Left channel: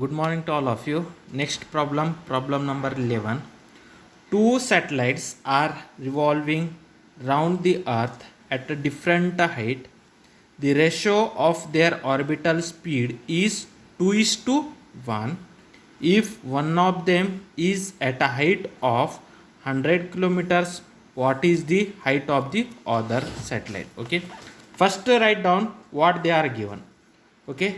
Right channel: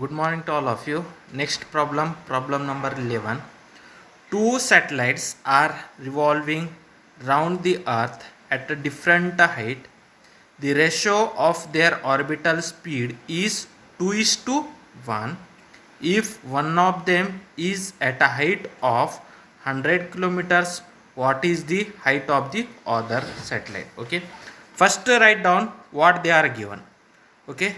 Good morning to all of you. Next problem, problem number 11. Two satellites are revolving round the earth at a different height. The ratio of their orbital speed is 2 is to 1. If one of them is at a height of 100 kilometers, what is the height of the other satellite? Okay. First write down what they are given. Okay,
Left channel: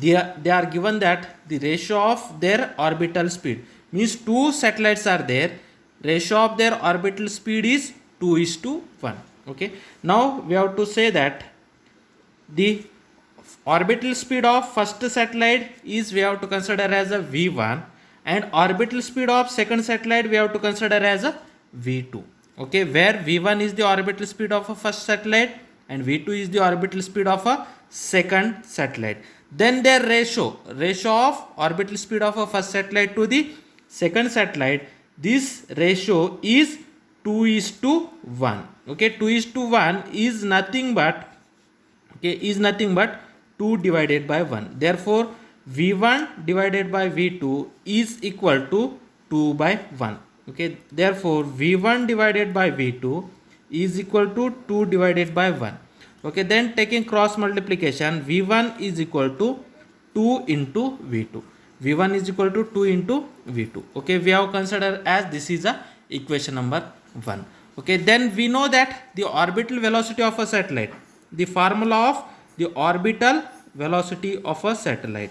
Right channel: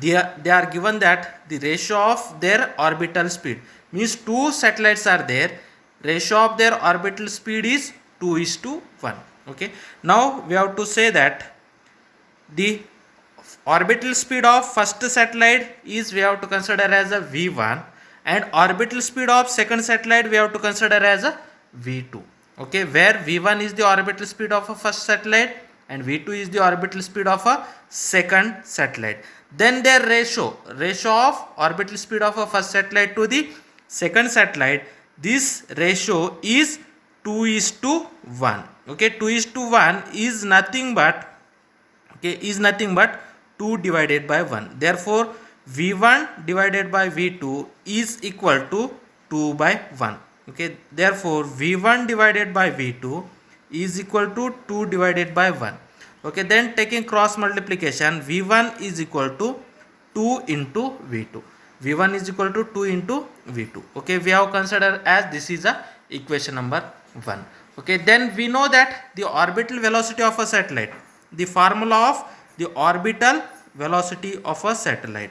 they are given that the ratio of their orbital speed means two satellites are there, ratio of their orbital speed is 2 is to 1. Okay, now we have to say that the orbital speed of first satellite is we have to consider as a v1, and orbital speed of second satellite we have to consider as a v2. Okay, where v1 is the orbital speed of a first satellite and v2 is the orbital speed of a second satellite, then their ratio of orbital speed of a first satellite to the second satellite, this ratio is 2 is to 1. Okay, 2 is to 1 is nothing but, okay, is nothing but 2 divided by 1. Therefore v1 divided by v2 is equal to 2 by 1. Okay, therefore v1 divided by v2 is equal to 2 divided by 1. Okay, then taking cross multiplication, v1 is equal to 2 into v2. v1 is equal to 2 into v2. Okay, we have considered as this is a equation number 1. Okay, then we know that the orbital velocity of a satellite, the formula of the orbital velocity of a satellite,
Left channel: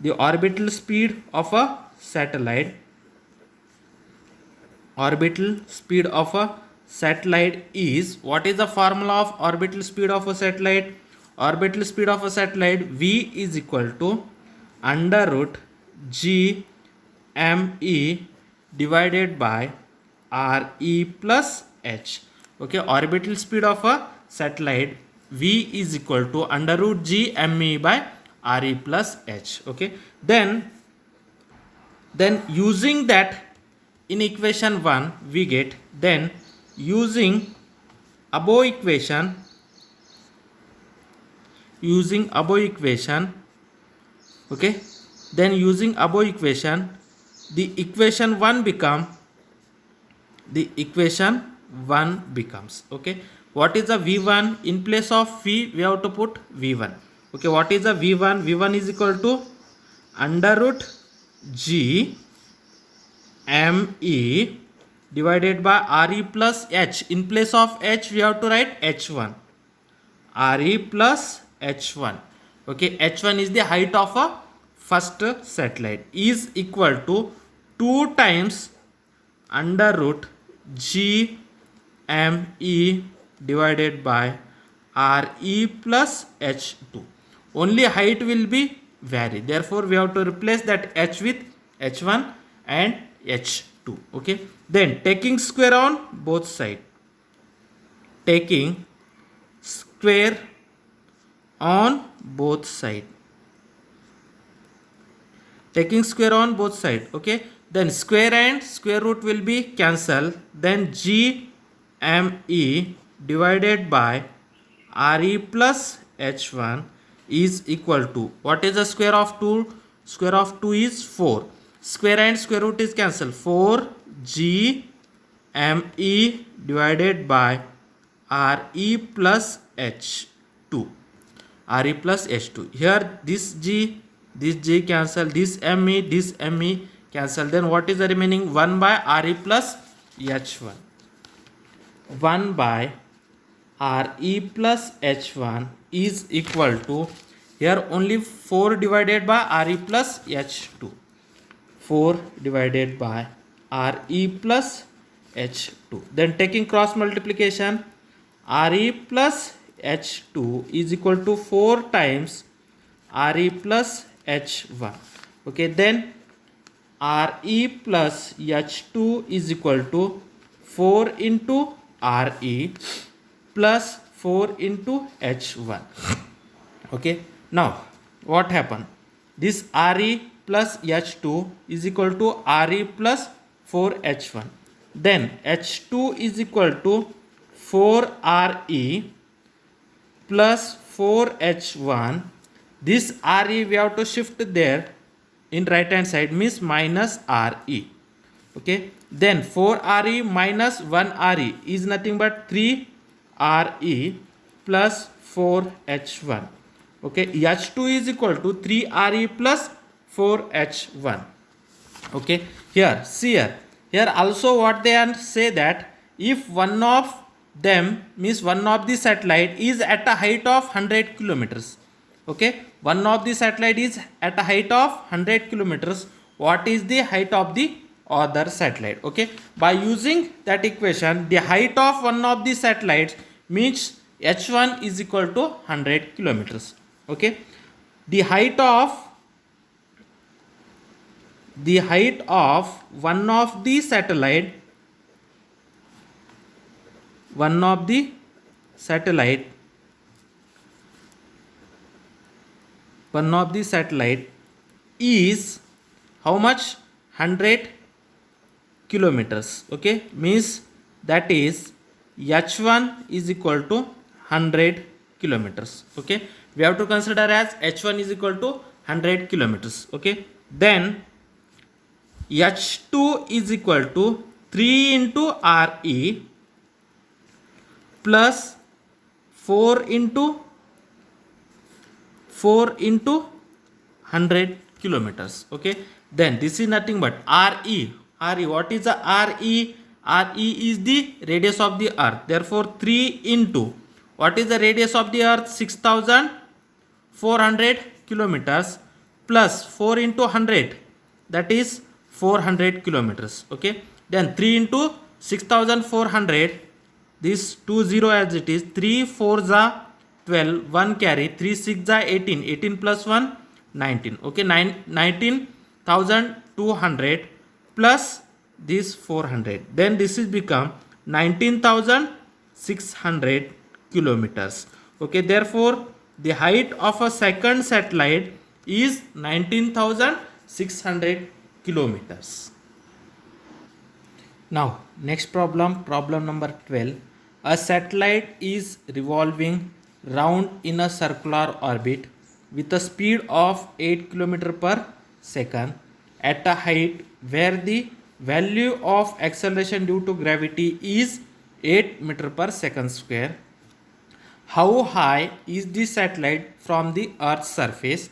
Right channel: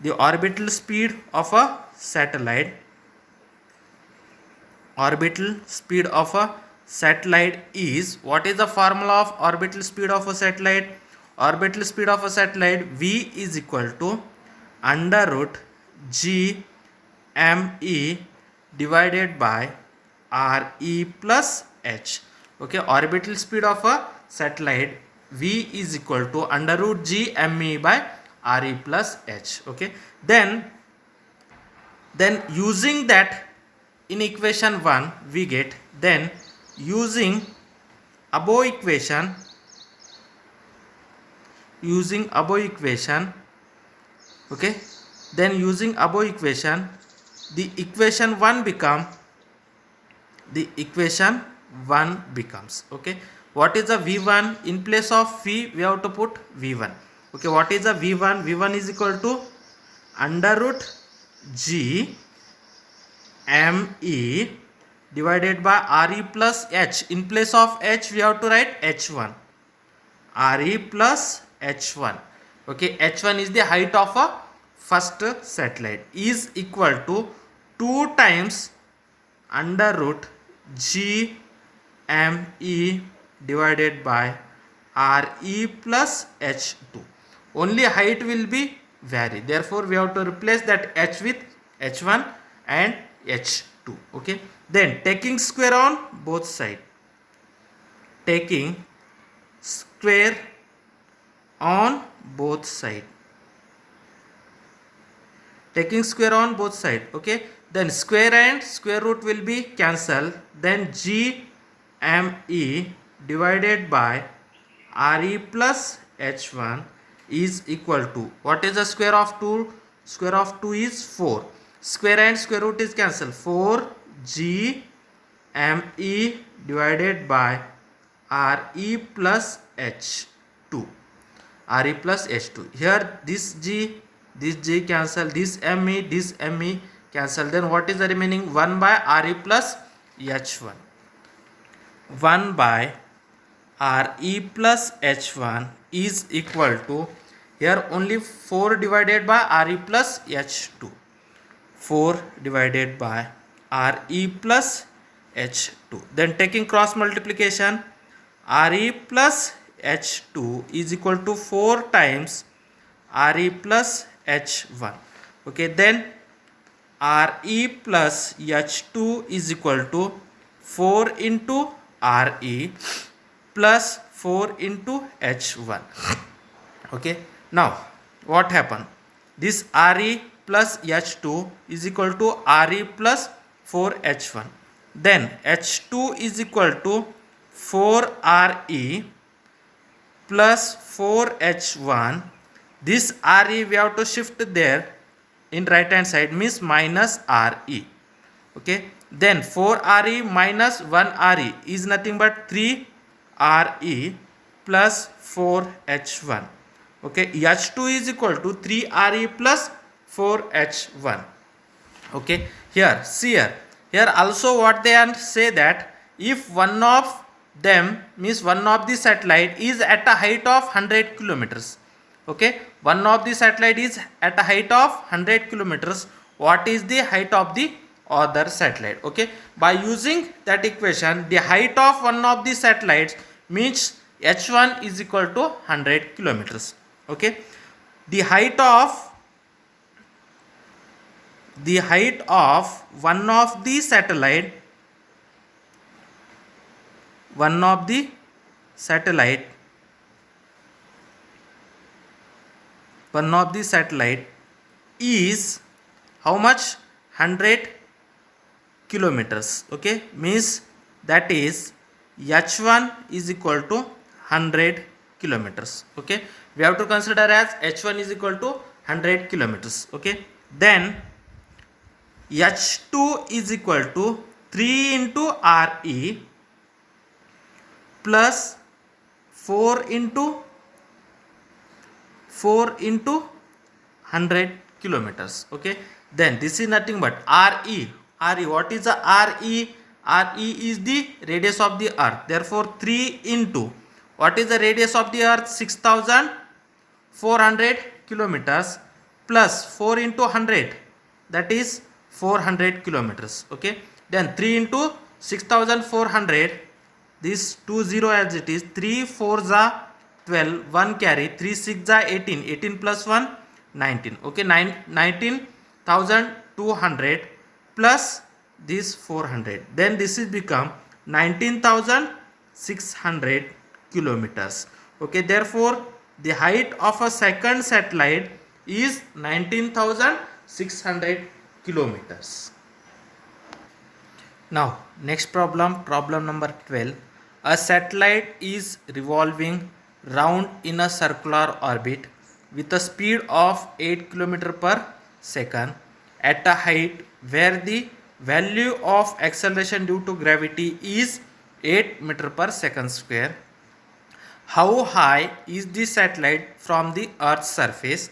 the orbital speed of a satellite, orbital speed of a satellite is, what is the formula of orbital speed of a satellite? Orbital speed of a satellite v is equal to under root g me divided by re plus h. Okay, orbital speed of a satellite v is equal to under root g me by re plus h. Okay, then using that in equation 1 we get, then using above equation, okay, then using above equation, the equation 1 becomes, okay, what is the v1? In place of v we have to put v1. Okay, what is the v1? v1 is equal to under root g me divided by re plus h. In place of h we have to write h1, re plus h1. Okay, h1 is the height of a first satellite, is equal to 2 times under root g me divided by re plus h2. Only height will be vary, therefore we have to replace that h with h1 and h2. Okay, then taking square on both sides, taking square on both side, taking square on both side. Okay, then square and square root will be cancelled, then g me divided by re plus h1 is equal to, what is the square of 2? Square of 2 is 4. Square and square root is cancelled, 4 g me divided by re plus h2, re plus h2. Here this g cancel, this me cancel, then what is the remaining? 1 by re plus h1. 1 by re plus h1 is equal to, here only 4 divided by re plus h2, 4 divided by re plus h2. Then taking cross multiplication, re plus h2 is equal to 4 times re plus h1. Okay, then re plus h2 is equal to 4 into re plus 4 into h1. Okay, now what happened? This re plus h2 is equal to re plus 4h1. Then h2 is equal to 4re plus 4h1 This RE we have to shift there in right hand side, means minus RE. Okay, then 4RE minus 1RE is nothing but 3RE plus 4H1. Okay, H2 is equal to 3RE plus 4H1. Okay, here see here also what they say that if one of them, means one of the satellite is at a height of 100 kilometers. Okay, one of the satellite is at a height of 100 kilometers, what is the height of the other satellite? Okay, by using that equation, the height of one of the satellites means h1 is equal to 100 kilometers. Okay, the height of one of the satellite is how much? 100 kilometers. Okay, means that is h1 is equal to 100 kilometers. Okay, we have to consider as h1 is equal to 100 kilometers. Okay, then h2 is equal to 3 into RE plus 4 into 100 kilometers. Okay, then this is nothing but RE. What is the RE? RE is the radius of the earth. Therefore 3 into what is the radius of the earth? 6400 kilometers plus 4 into 100, that is 400 kilometers. Okay, then 3 into 6400, this 20 as it is, 3 4s are 12, 1 carry, 3 6 are 18, 18 plus 1 19. Okay, 19,200 plus this 400, then this is become 19,600 kilometers. Okay, therefore the height of a second satellite is 19,600 kilometers. Now next problem number 12. A satellite is revolving round in a circular orbit with a speed of 8 km per second at a height where the value of acceleration due to gravity is 8 meter per second square. How high is the satellite from the Earth's surface,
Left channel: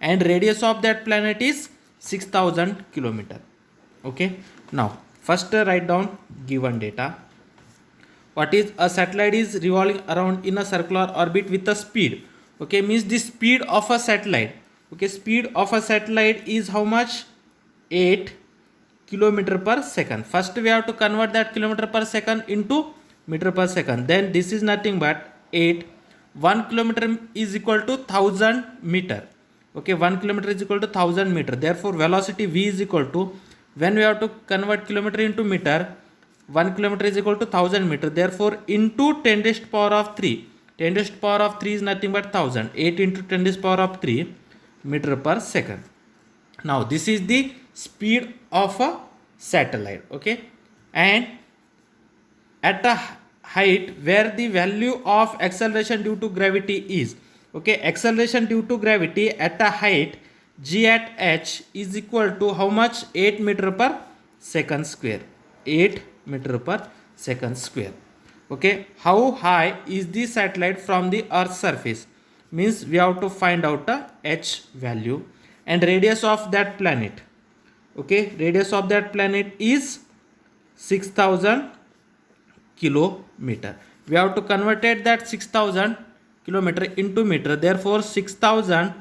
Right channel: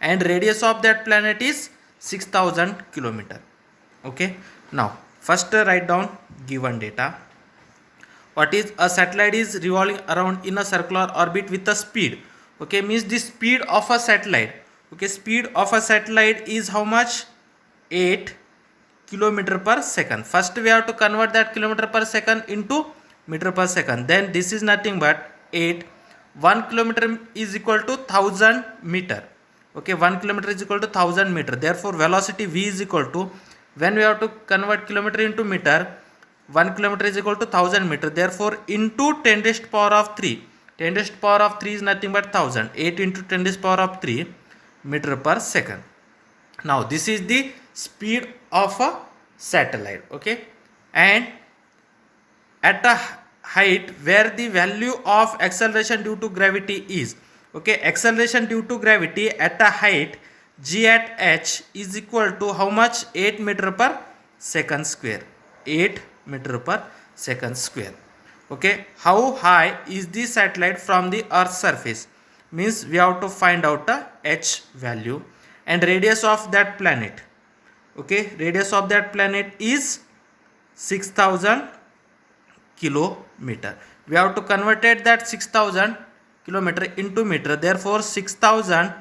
and radius of that planet is 6000 kilometer. Okay, now first write down given data. What is a satellite is revolving around in a circular orbit with a speed. Okay, means the speed of a satellite. Okay, speed of a satellite is how much? 8 kilometer per second. First we have to convert that kilometer per second into meter per second. Then this is nothing but 8. 1 kilometer is equal to 1000 meter. Okay, 1 kilometer is equal to 1000 meter. Therefore velocity v is equal to, when we have to convert kilometer into meter, 1 kilometer is equal to 1000 meter. Therefore into 10 raised to power of 3. 10 raised to power of 3 is nothing but 1000. 8 into 10 raised to power of 3 meter per second. Now this is the speed of a satellite. Okay, and at a height where the value of acceleration due to gravity is, okay, acceleration due to gravity at a height g at h is equal to how much? 8 meter per second square. 8 meter per second square. Okay, how high is the satellite from the Earth's surface? Means we have to find out the h value, and radius of that planet. Okay, radius of that planet is 6000 kilometer. We have to convert that 6000 kilometer into meter. Therefore 6000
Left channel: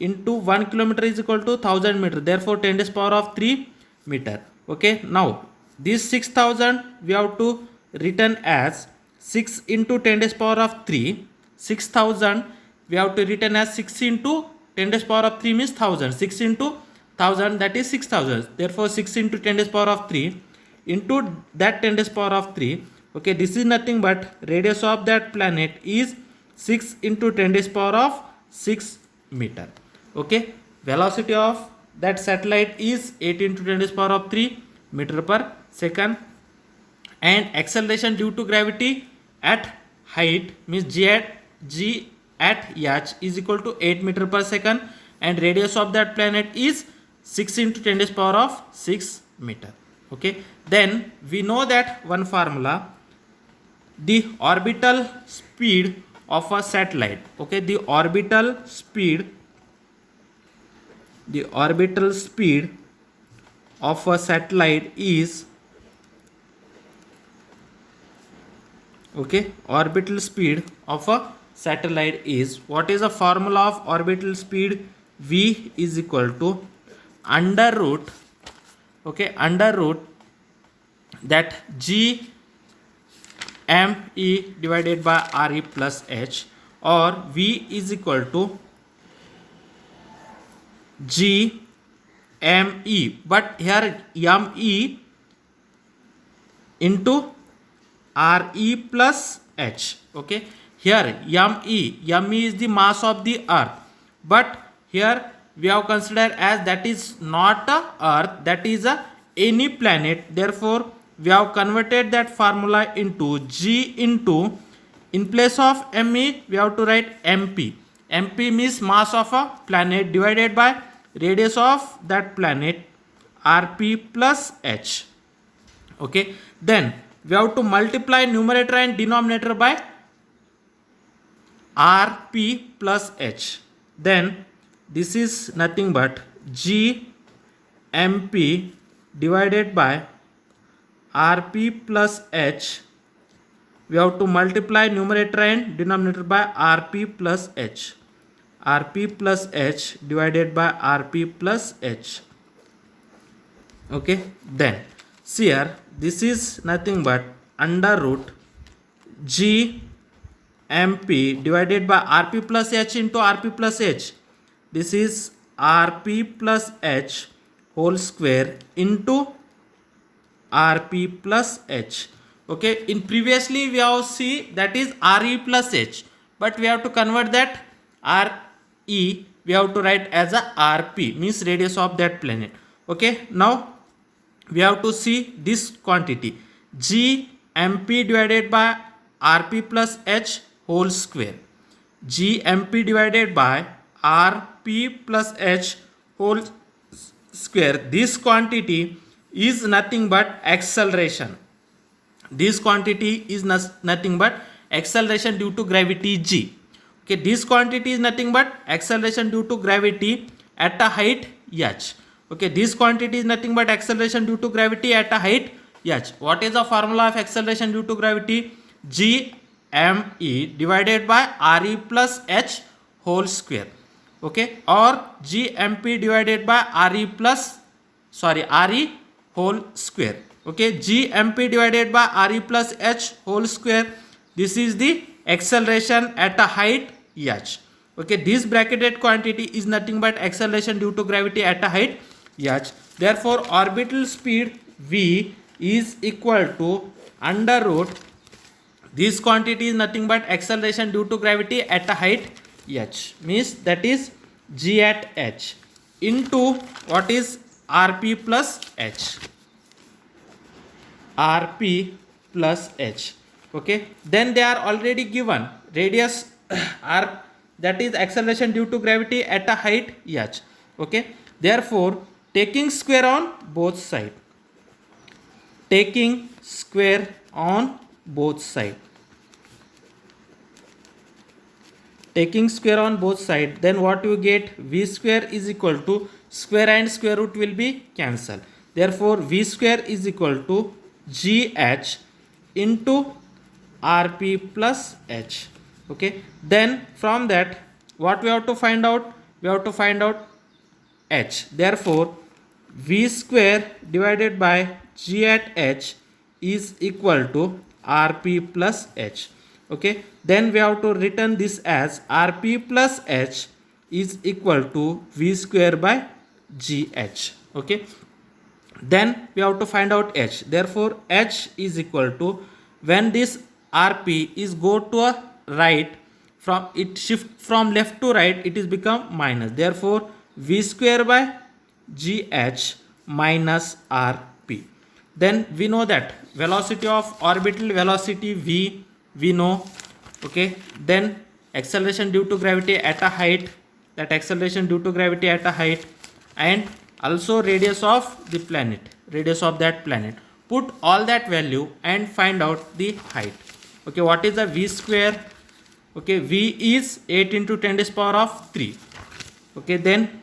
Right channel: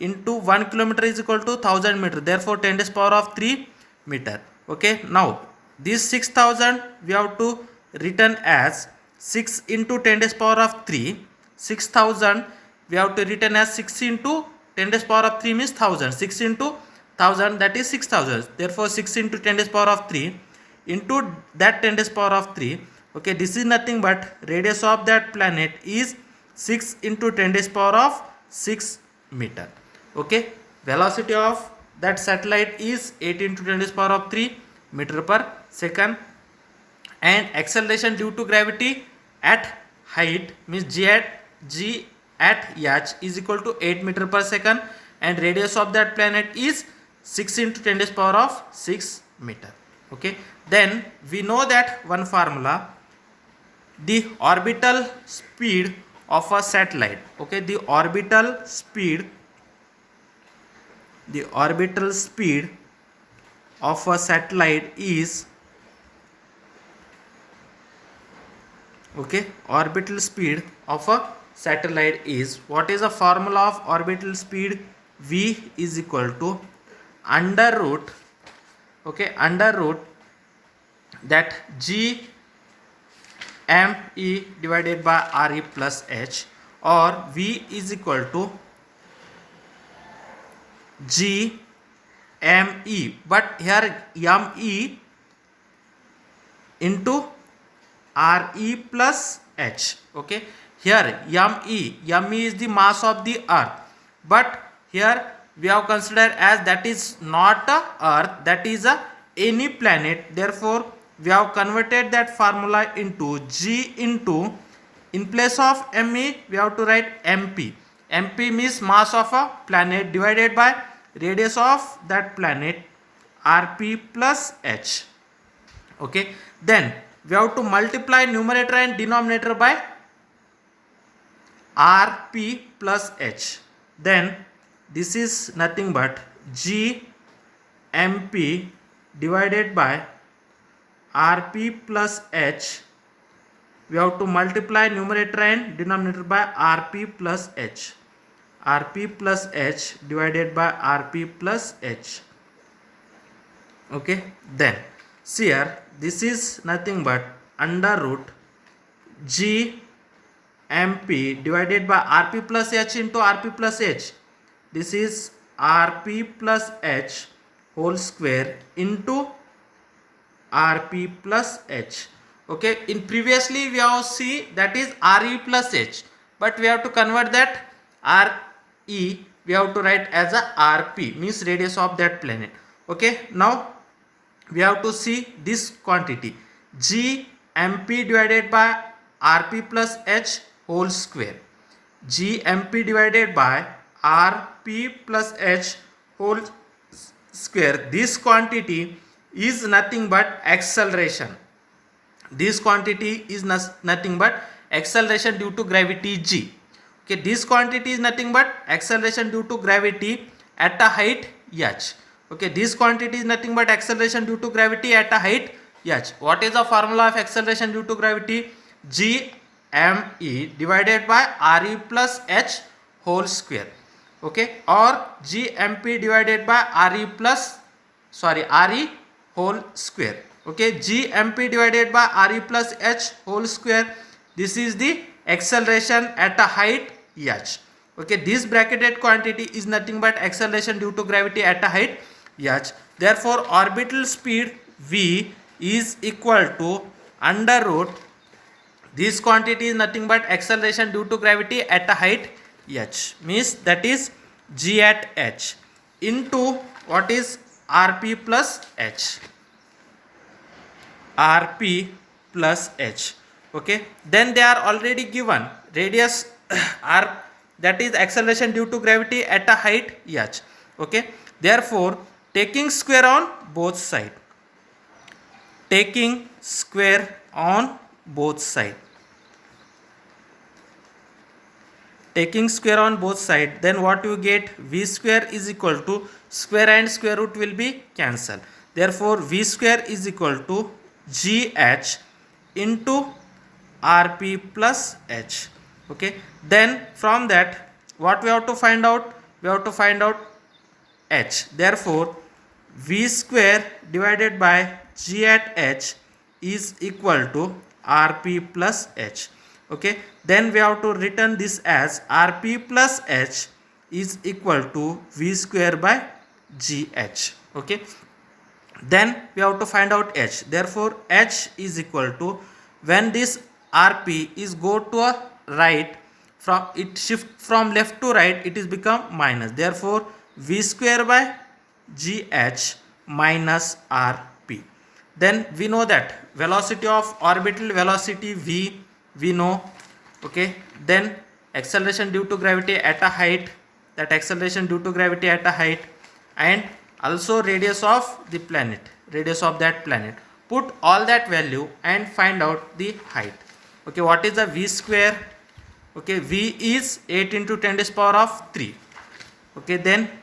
into 1 kilometer is equal to 1000 meter. Therefore 10 raised to power of 3 meter. Okay, now this 6000 we have to written as 6 into 10 raised to power of 3. 6000 we have to written as 6 into 10 raised to power of 3 means 1000. 6 into 1000, that is 6000. Therefore 6 into 10 raised to power of 3 into that 10 raised to power of 3. Okay, this is nothing but radius of that planet is 6 into 10 raised to power of 6 meter. Okay, velocity of that satellite is 8 into 10 raised to power of 3 meter per second, and acceleration due to gravity at height means g at Yacht is equal to 8 meter per second, and radius of that planet is 6 into 10 to the power of 6 meter. Okay, then we know that one formula, the orbital speed of a satellite. Okay, the orbital speed of a satellite is, okay, orbital speed of a satellite is, what is the formula of orbital speed? V is equal to under root, okay, under root that G m e divided by r e plus h, or V is equal to G m e, but here m e into r e plus h. Okay, here m e is the mass of the earth, but here we have considered as that is not a earth, that is a any planet. Therefore we have converted that formula into G into, in place of me we have to write mp. Mp means mass of a planet divided by radius of that planet, rp plus h. Okay, then we have to multiply numerator and denominator by rp plus h. Then this is nothing but G mp divided by rp plus h. We have to multiply numerator and denominator by rp plus h. rp plus h divided by rp plus h. Okay, then see here, this is nothing but under root G mp divided by rp plus h into rp plus h. This is rp plus h whole square into rp plus h. Okay, in previously we have see that is re plus h, but we have to convert that re, we have to write as a rp, means radius of that planet. Okay, now we have to see this quantity G mp divided by rp plus h whole square. G mp divided by rp plus h whole square. This quantity is nothing but acceleration. This quantity is nothing but acceleration due to gravity g. Okay, this quantity is nothing but acceleration due to gravity at a height h. Okay, this quantity is nothing but acceleration due to gravity at a height h. What is the formula of acceleration due to gravity? G m e divided by re plus h whole square. Okay, or G mp divided by re whole square. Okay, G mp divided by re plus h whole square. This is the acceleration at a height h. Okay, this bracketed quantity is nothing but acceleration due to gravity at a height h. Therefore orbital speed v is equal to under root, this quantity is nothing but acceleration due to gravity at a height h, means that is g at h, into what is rp plus h. rp plus h. Okay, then they are already given radius r, that is acceleration due to gravity at a height h. Okay, therefore taking square on both sides, taking square on both sides, taking square on both sides, then what you get? V square is equal to square and square root will be cancelled. Therefore V square is equal to gh into rp plus h. Okay, then from that what we have to find out? We have to find out h. Therefore v square divided by g at h is equal to rp plus h. Okay, then we have to written this as rp plus h is equal to v square by gh. Okay, then we have to find out h. Therefore h is equal to, when this rp is go to a right, from it shift from left to right, it is become minus. Therefore v square by gh minus rp. Then we know that velocity of orbital velocity v, we know. Okay, then acceleration due to gravity at a height, that acceleration due to gravity at a height, and also radius of the planet, radius of that planet. Put all that value and find out the height. Okay, what is the v square? Okay, v is 8 into 10 to the power of 3. Okay, then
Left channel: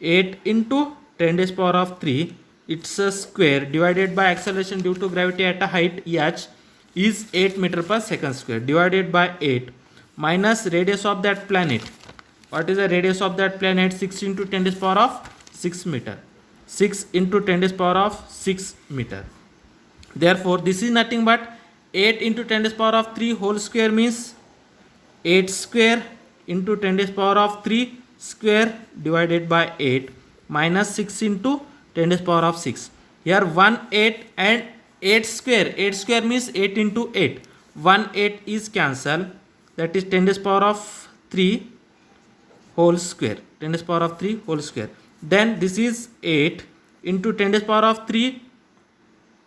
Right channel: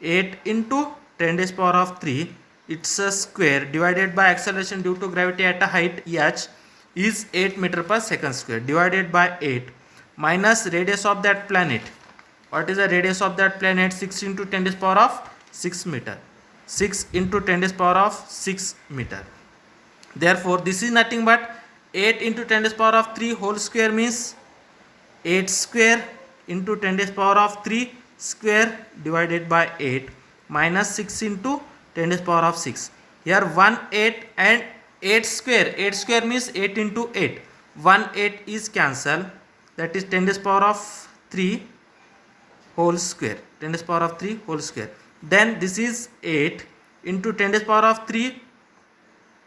8 into 10 to the power of 3, it's a square, divided by acceleration due to gravity at a height h is 8 meter per second square, divided by 8 minus radius of that planet. What is the radius of that planet? 6 into 10 to the power of 6 meter. 6 into 10 to the power of 6 meter. Therefore, this is nothing but 8 into 10 to the power of 3 whole square, means 8 square into 10 to the power of 3 square divided by 8 minus 6 into 10 to the power of 6. Here 1 8 and 8 square. 8 square means 8 into 8. 1 8 is cancelled. That is 10 to the power of 3 whole square. 10 to the power of 3 whole square. Then this is 8 into 10 to the power of 3.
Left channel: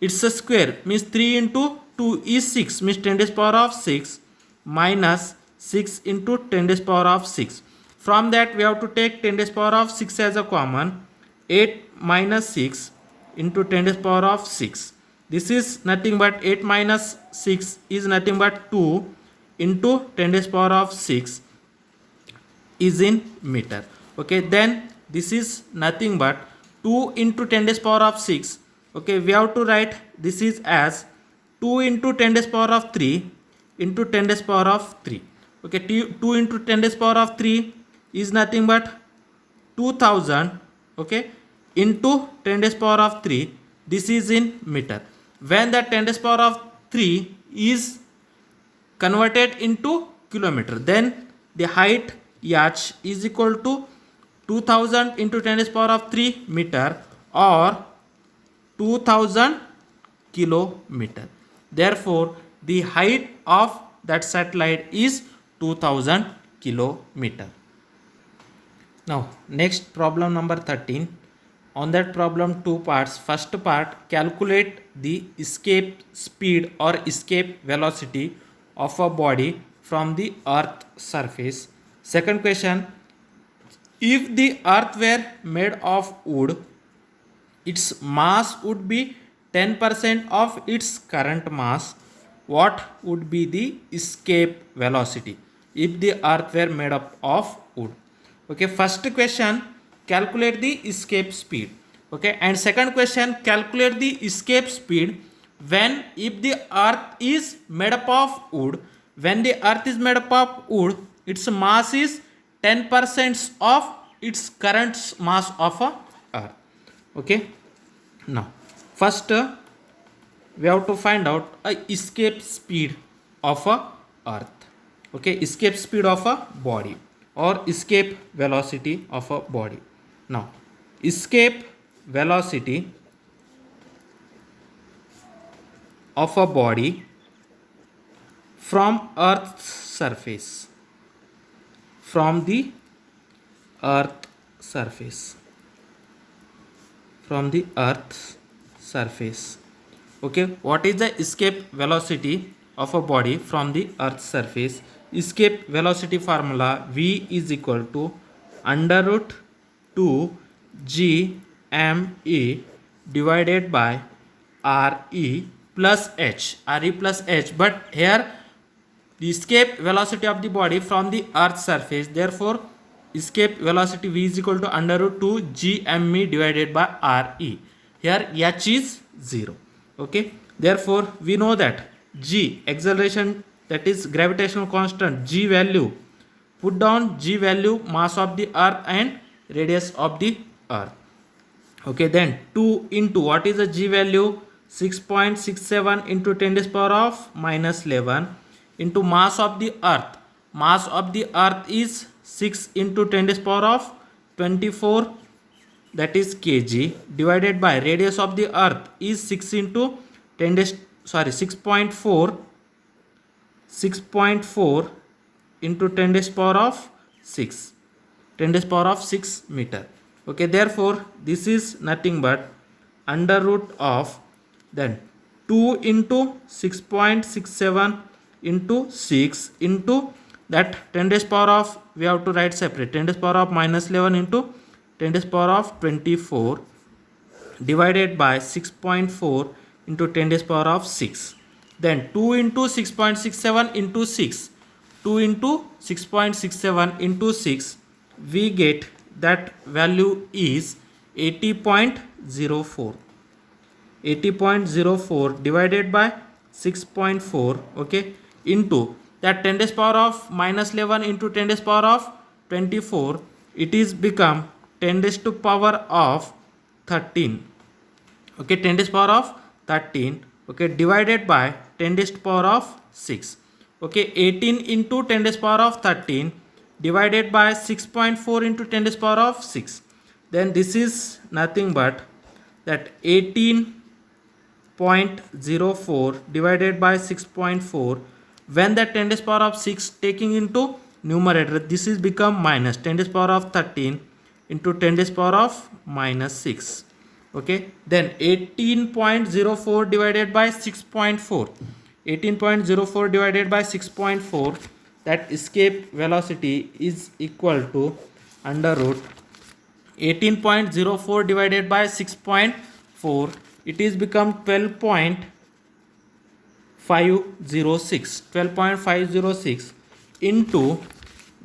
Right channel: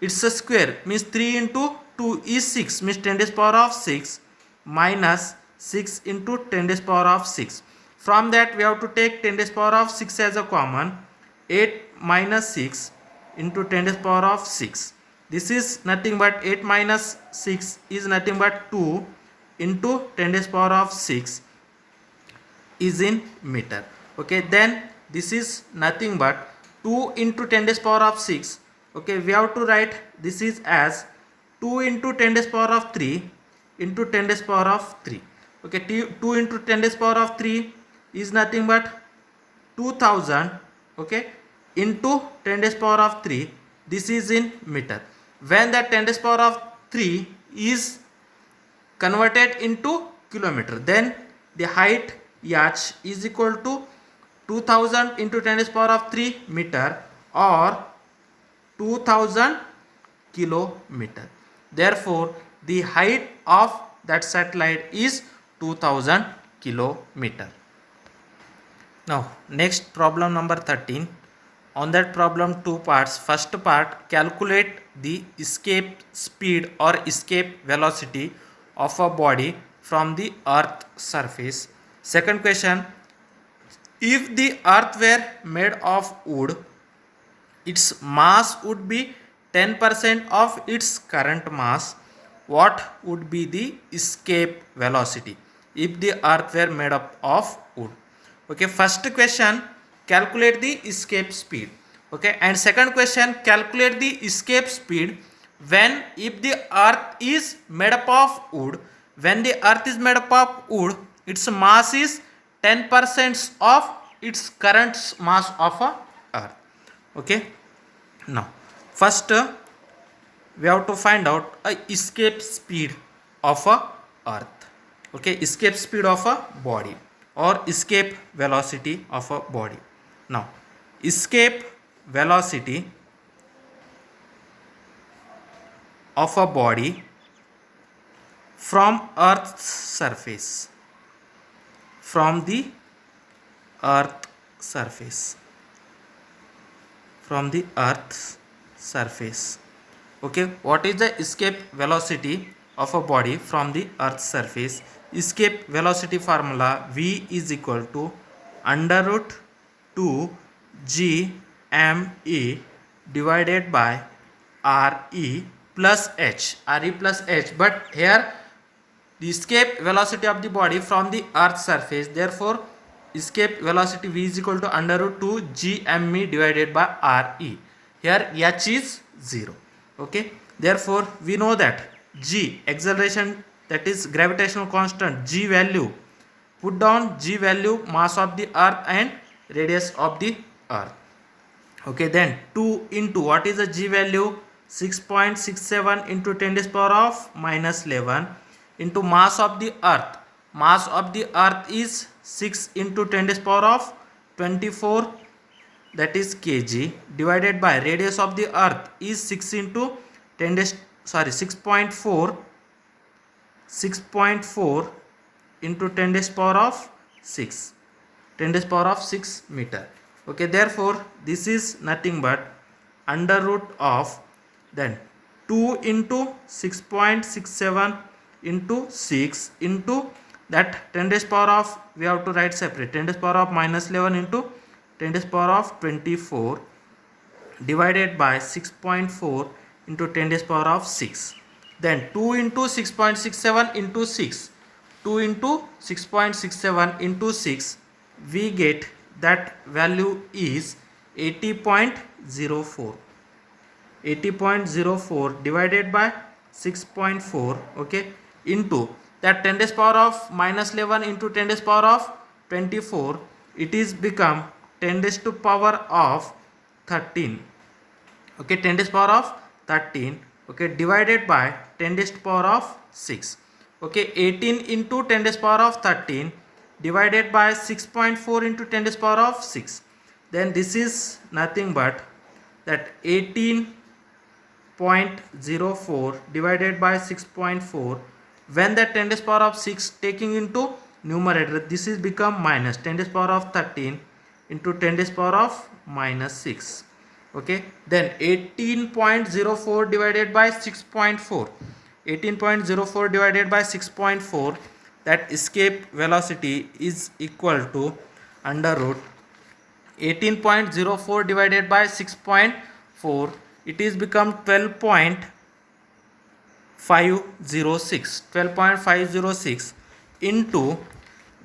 It's a square, means 3 into 2 is 6, means 10 to the power of 6 minus 6 into 10 to the power of 6. From that we have to take 10 to the power of 6 as a common. 8 minus 6 into 10 to the power of 6. This is nothing but 8 minus 6 is nothing but 2 into 10 to the power of 6 is in meter. Okay, then this is nothing but 2 into 10 to the power of 6. Okay, we have to write this is as 2 into 10 to the power of 3 into 10 to the power of 3. Okay, 2 into 10 to the power of 3 is nothing but 2000. Okay, into 10 to the power of 3. This is in meter. When that 10 to the power of 3 is converted into kilometer, then the height h is equal to 2000 into 10 to the power of 3 meter, or 2000 kilometer. Therefore, the height of that satellite is 2000 kilometer. Now, next problem number 13. On that problem, two parts. First part, calculate the escape speed or escape velocity of a body from the earth surface. Second question, if the earth were made of wood, its mass would be 10% of its current mass. What would be the escape velocity if the earth were made up of wood? Okay, first question, calculate the escape speed. Okay, and second question, calculate the escape speed when if the earth is made up of wood. When the earth is made up of wood, its mass is 10% of its current mass of a earth. Okay, now first we have to find out a escape speed of a earth. Okay, escape speed of a body or escape velocity of a body. Now, escape velocity of a body from earth's surface, from the earth surface, from the earth's surface. Okay, what is the escape velocity of a body from the earth's surface? Escape velocity formula, v is equal to under root 2 g m e divided by r e plus h, r e plus h. But here the escape velocity of the body from the earth's surface, therefore escape velocity v is equal to under root 2 g m e divided by r e. Here h is 0. Okay, therefore we know that g, acceleration, that is gravitational constant, g value, put down g value, mass of the earth and radius of the earth. Okay, then 2 into what is the g value? 6.67 into 10 to the power of minus 11 into mass of the earth. Mass of the earth is 6 into 10 to the power of 24, that is kg, divided by radius of the earth is 6 into 10 to, 6.4 into 10 to the power of 6, 10 to the power of 6 meter. Okay, therefore this is nothing but under root of then 2 into 6.67 into 6 into that 10 raised power of, we have to write separate, 10 raised power of minus 11 into 10 raised power of 24 divided by 6.4 into 10 raised power of 6. Then 2 into 6.67 into 6. 2 into 6.67 into 6. We get that value is 80.04. 80.04 divided by 6.4, okay, into that 10 raised power of minus 11 into 10 raised power of 24. It is become 10 raised to power of 13, okay, 10 raised power of 13, okay, divided by 10 raised power of 6, okay, 18 into 10 raised power of 13 divided by 6.4 into 10 raised power of 6. Then this is nothing but that 18.04 divided by 6.4. When the 10 raised power of 6 taking into numerator, this is become minus 10 raised power of 13 into 10 raised power of minus 6. Okay, then 18.04 divided by 6.4. 18.04 divided by 6.4, that escape velocity is equal to under root 18.04 divided by 6.4. It is become 12.506 into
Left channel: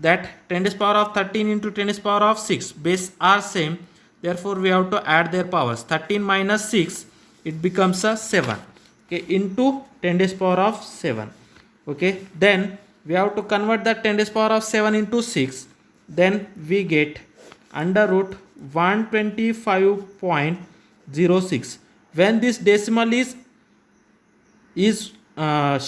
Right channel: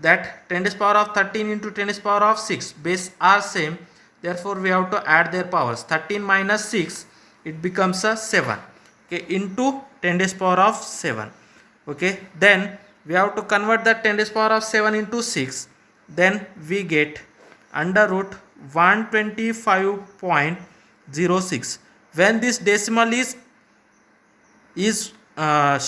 that 10 to the power of 13 into 10 to the power of 6. Base are same, therefore we have to add their powers. 13 minus 6, it becomes a 7, okay, into 10 to the power of 7. Okay, then we have to convert that 10 to the power of 7 into 6. Then we get under root 125.06. When this decimal is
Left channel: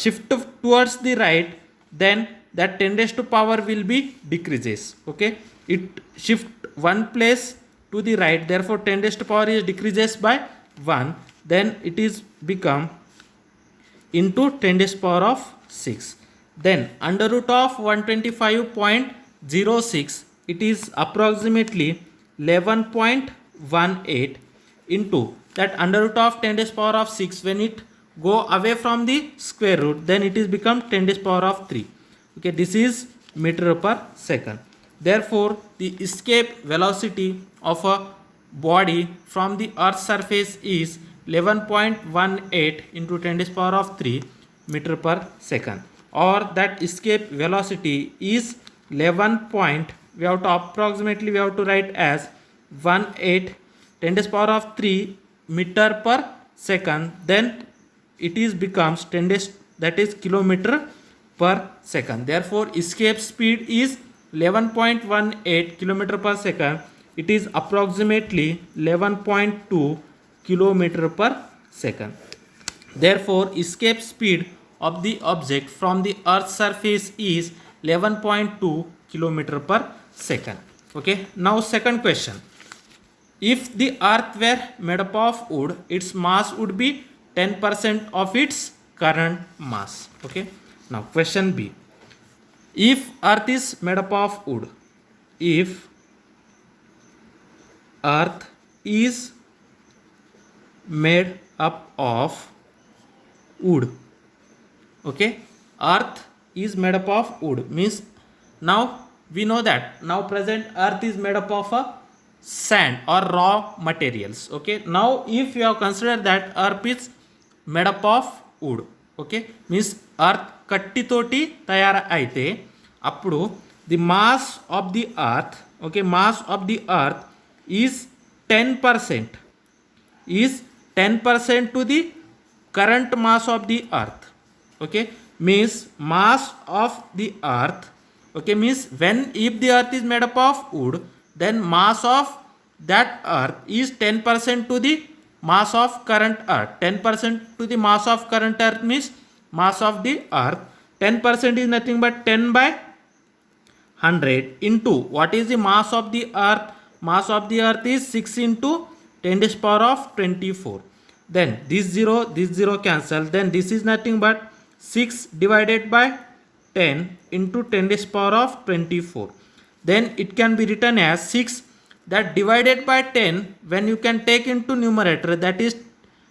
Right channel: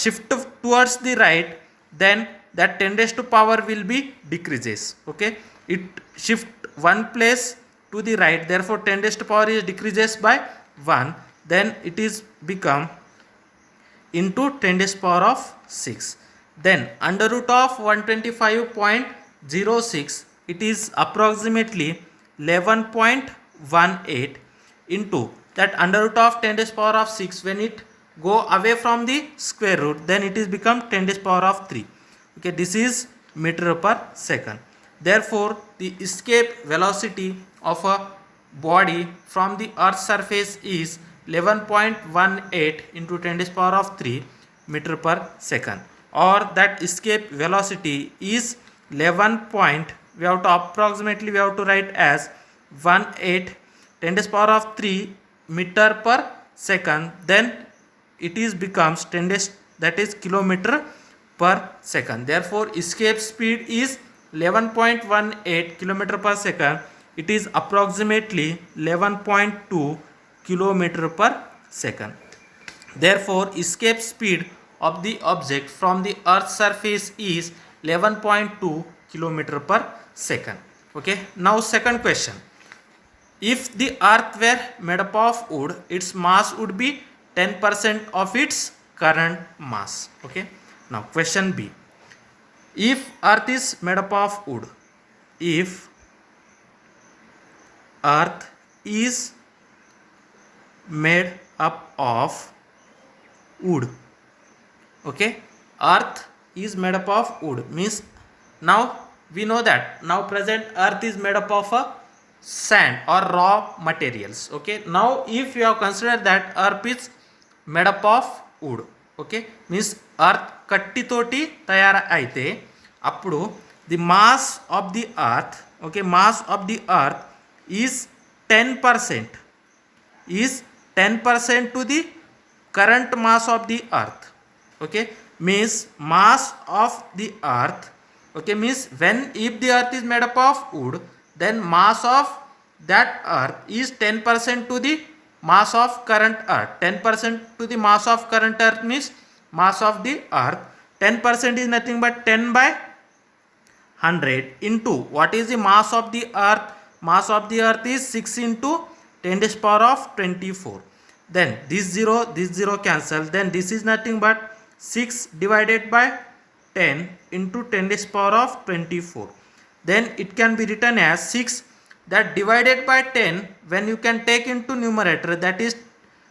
shifted towards the right, then that 10 raised to power will be decreases. Okay, it shift one place to the right, therefore 10 raised to power is decreases by 1. Then it is become into 10 raised to power of 6. Then under root of 125.06, it is approximately 11.18 into that under root of 10 raised to power of 6. When it go away from the square root, then it is become 10 raised to power of 3. Okay, this is meter per second. Therefore the escape velocity of a body from the earth's surface is 11.18 into 10 raised to power of 3 meter per second, or that escape velocity is 11 point, we have to approximately we have to write as 18 10 raised to power of 3 meter per second. Then it is becomes 10 raised, that is kilometer per second. Therefore escape speed is 11.18 kilometer per second. It is approximately 11.2 kilometer per second. Therefore escape speed of the object from the earth's surface is 11.2 kilometer per second. Okay, now second question. If the earth were made up of wood, its mass would be 10% of its current mass. Okay, now question B. If earth is made up of wood, if earth is made up of wood, okay, earth is made up of wood means, now we know that now present earth is made up of a sand or raw materials. Okay, now if you have considered that earth is made up of wood, okay, means earth కట్టితోటి తయారు అయితే అప్పుడు the mass of the earth, okay, mass of the earth is 10%, is 10% to the current mass of the earth. Okay, means mass of the earth, okay, means when if the earth is made up of wood, then mass of that earth is 10% to the mass of current earth. 10% to the mass of current earth means mass of the earth 10% is nothing but 10 by 100 into what is the mass of the earth. Mass of the earth is 6 into 10 to the power of 24. Then this 0 cancel, then this is nothing but 6 divided by 10 into 10 to the power of 24. Then it can be written as 6 that divided by 10, when you can take into numerator, that is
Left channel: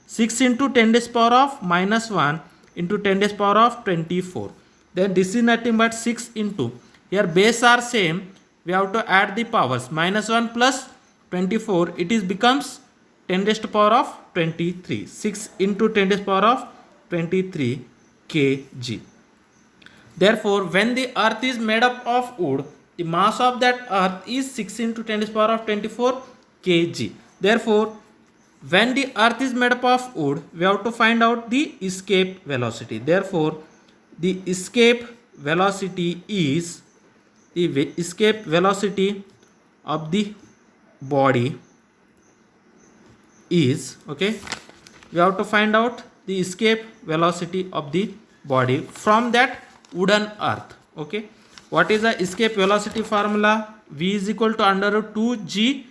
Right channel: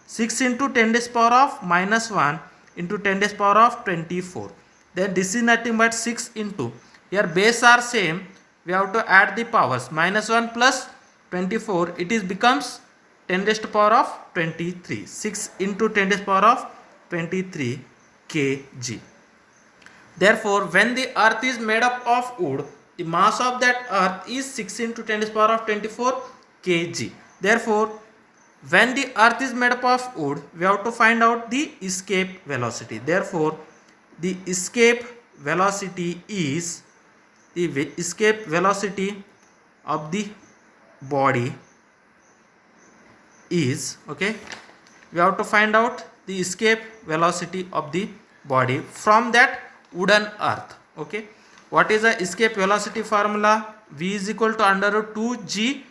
6 into 10 to the power of minus 1 into 10 to the power of 24. Then this is nothing but 6 into, here base are same, we have to add the powers, minus 1 plus 24, it is becomes 10 raised to power of 23. 6 into 10 raised to power of 23 kg. Therefore, when the earth is made up of wood, the mass of that earth is 6 into 10 raised to power of 24 kg. Therefore, when the earth is made up of wood, we have to find out the escape velocity. Therefore, the escape velocity is, the escape velocity of the body is, okay, we have to find out the escape velocity of the body from that wooden earth. Okay, what is the escape velocity formula? V is equal to under root 2g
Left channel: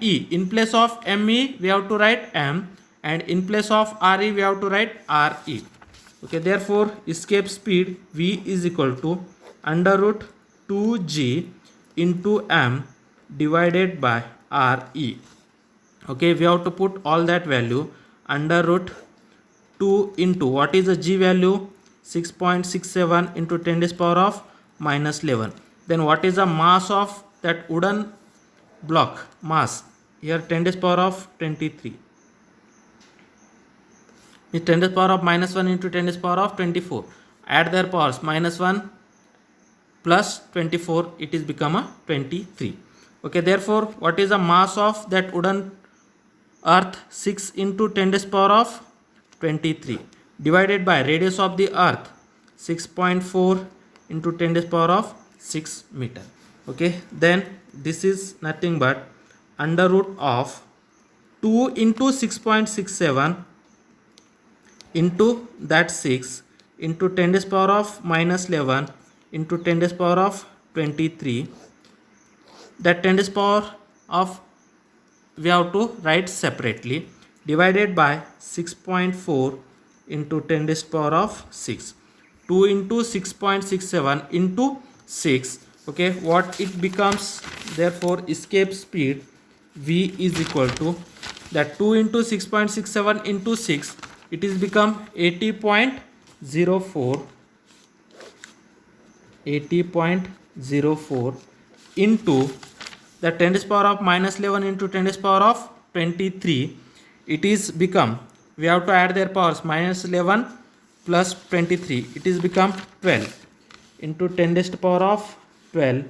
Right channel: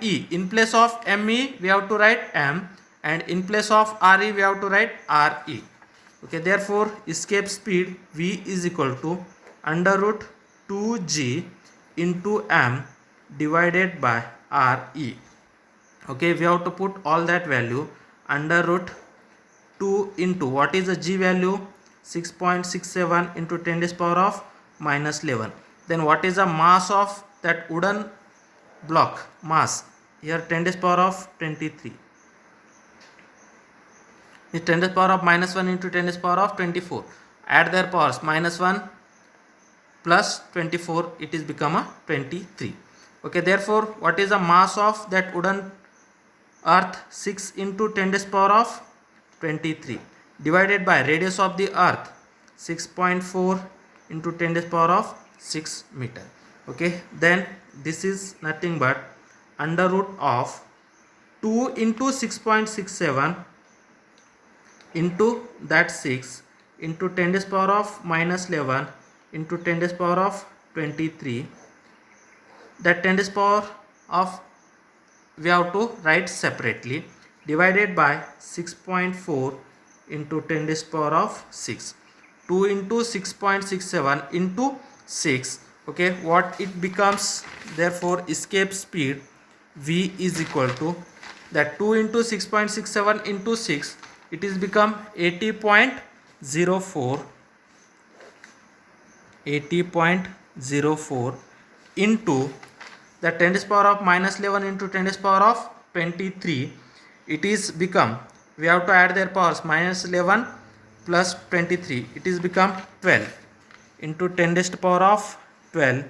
me. In place of me we have to write m, and in place of re we have to write re. Okay, therefore escape speed v is equal to under root 2g into m divided by re. Okay, we have to put all that value, under root 2 into, what is the g value? 6.67 into 10 raised power of minus 11. Then what is the mass of that wooden block? Mass, here 10 raised power of 23 is 10 raised power of minus 1 into 10 raised power of 24. Add their powers, minus 1 plus 24, it is become a 23. Okay, therefore what is the mass of that wooden earth? 6 into 10 raised power of 23 divided by radius of the earth, 6.4 into 10 raised power of 6 meter. Okay, then this is nothing but under root of 2 into 6.67 into that 6 into 10 raised power of minus 11 into 10 raised power of 23. That 10 raised power of we have to write separately, divided by 6.4 into 10 raised power of 6. 2 into 6.67 into 6. Okay, what it becomes? Therefore escape speed v is equal to that 2 into 6.67 into 6, it is become 80.04 into the 10 raised power of minus 11 into 10 raised power of 23, it is become, we have to add their powers, minus 11 plus 23, it is become 12 into 10 raised power of 12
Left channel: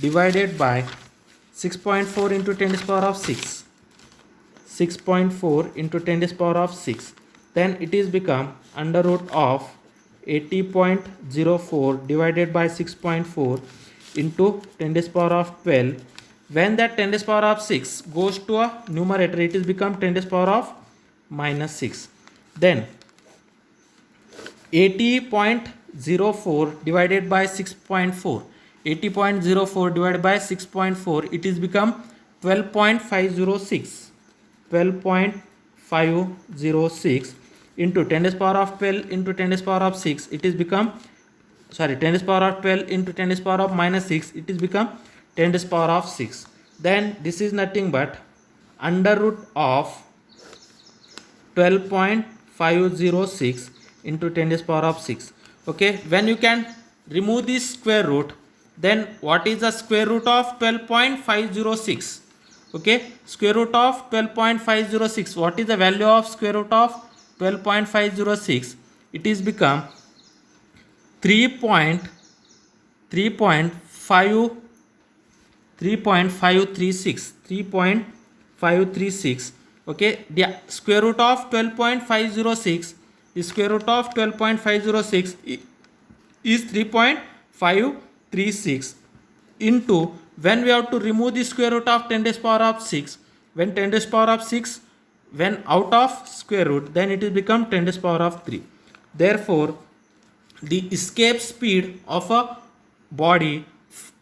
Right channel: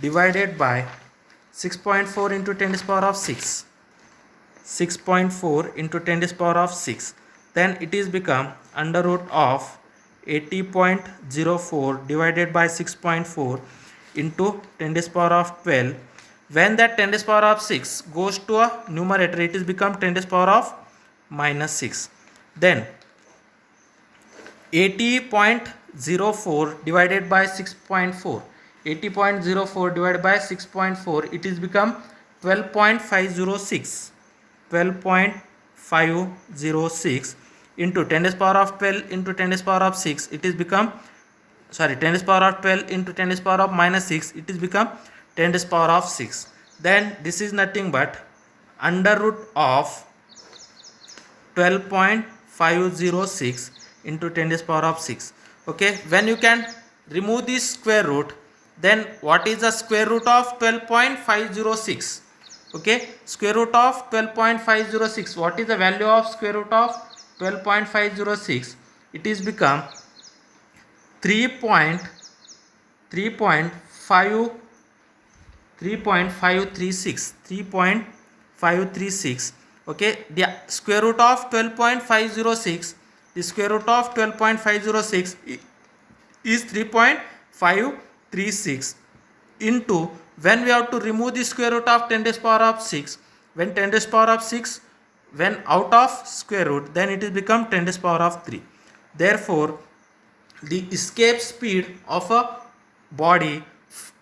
divided by 6.4 into 10 raised power of 6. 6.4 into 10 raised power of 6. Then it is become under root of 80.04 divided by 6.4 into 10 raised power of 12. When that 10 raised power of 6 goes to a numerator, it is become 10 raised power of minus 6. Then 80.04 divided by 6.4. 80.04 divided by 6.4, it is become 12.506. 12.506 into 10 raised power of 12 into 10 raised power of 6, it is become, 10 raised power of 12 into 10 raised power of minus 6, it is become 10 raised power of 6. Then this is nothing but under root of 12.506 into 10 raised power of 6. Okay, when you can remove this square root, then what is the square root of 12.506? Okay, square root of 12.506, what is the value of square root of 12.506? It is become 3.536. Okay, the square root of 12.506, the square root of 12.506 is 3.536 into, when we have to remove the square root of 10 raised power of 6, when 10 raised power of 6 when out of square root, then it is become 10 raised power of 3. Therefore the escape speed of a body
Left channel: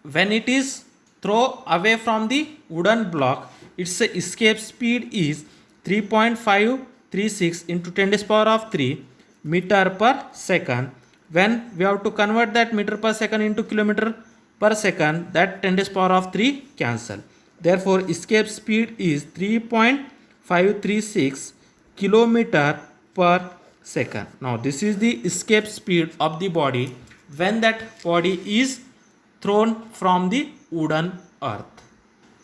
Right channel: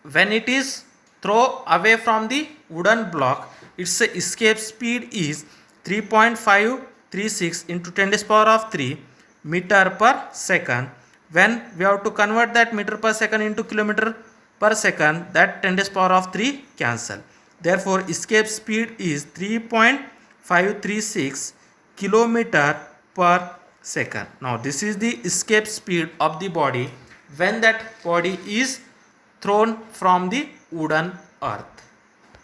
when it is thrown away from the wooden block, its escape speed is 3.536 into 10 raised power of 3 meter per second. When we have to convert that meter per second into kilometer per second, that 10 raised power of 3 cancel. Therefore escape speed is 3.536 kilometer per second. Now this is the escape speed of the body when that body is thrown from the wooden earth.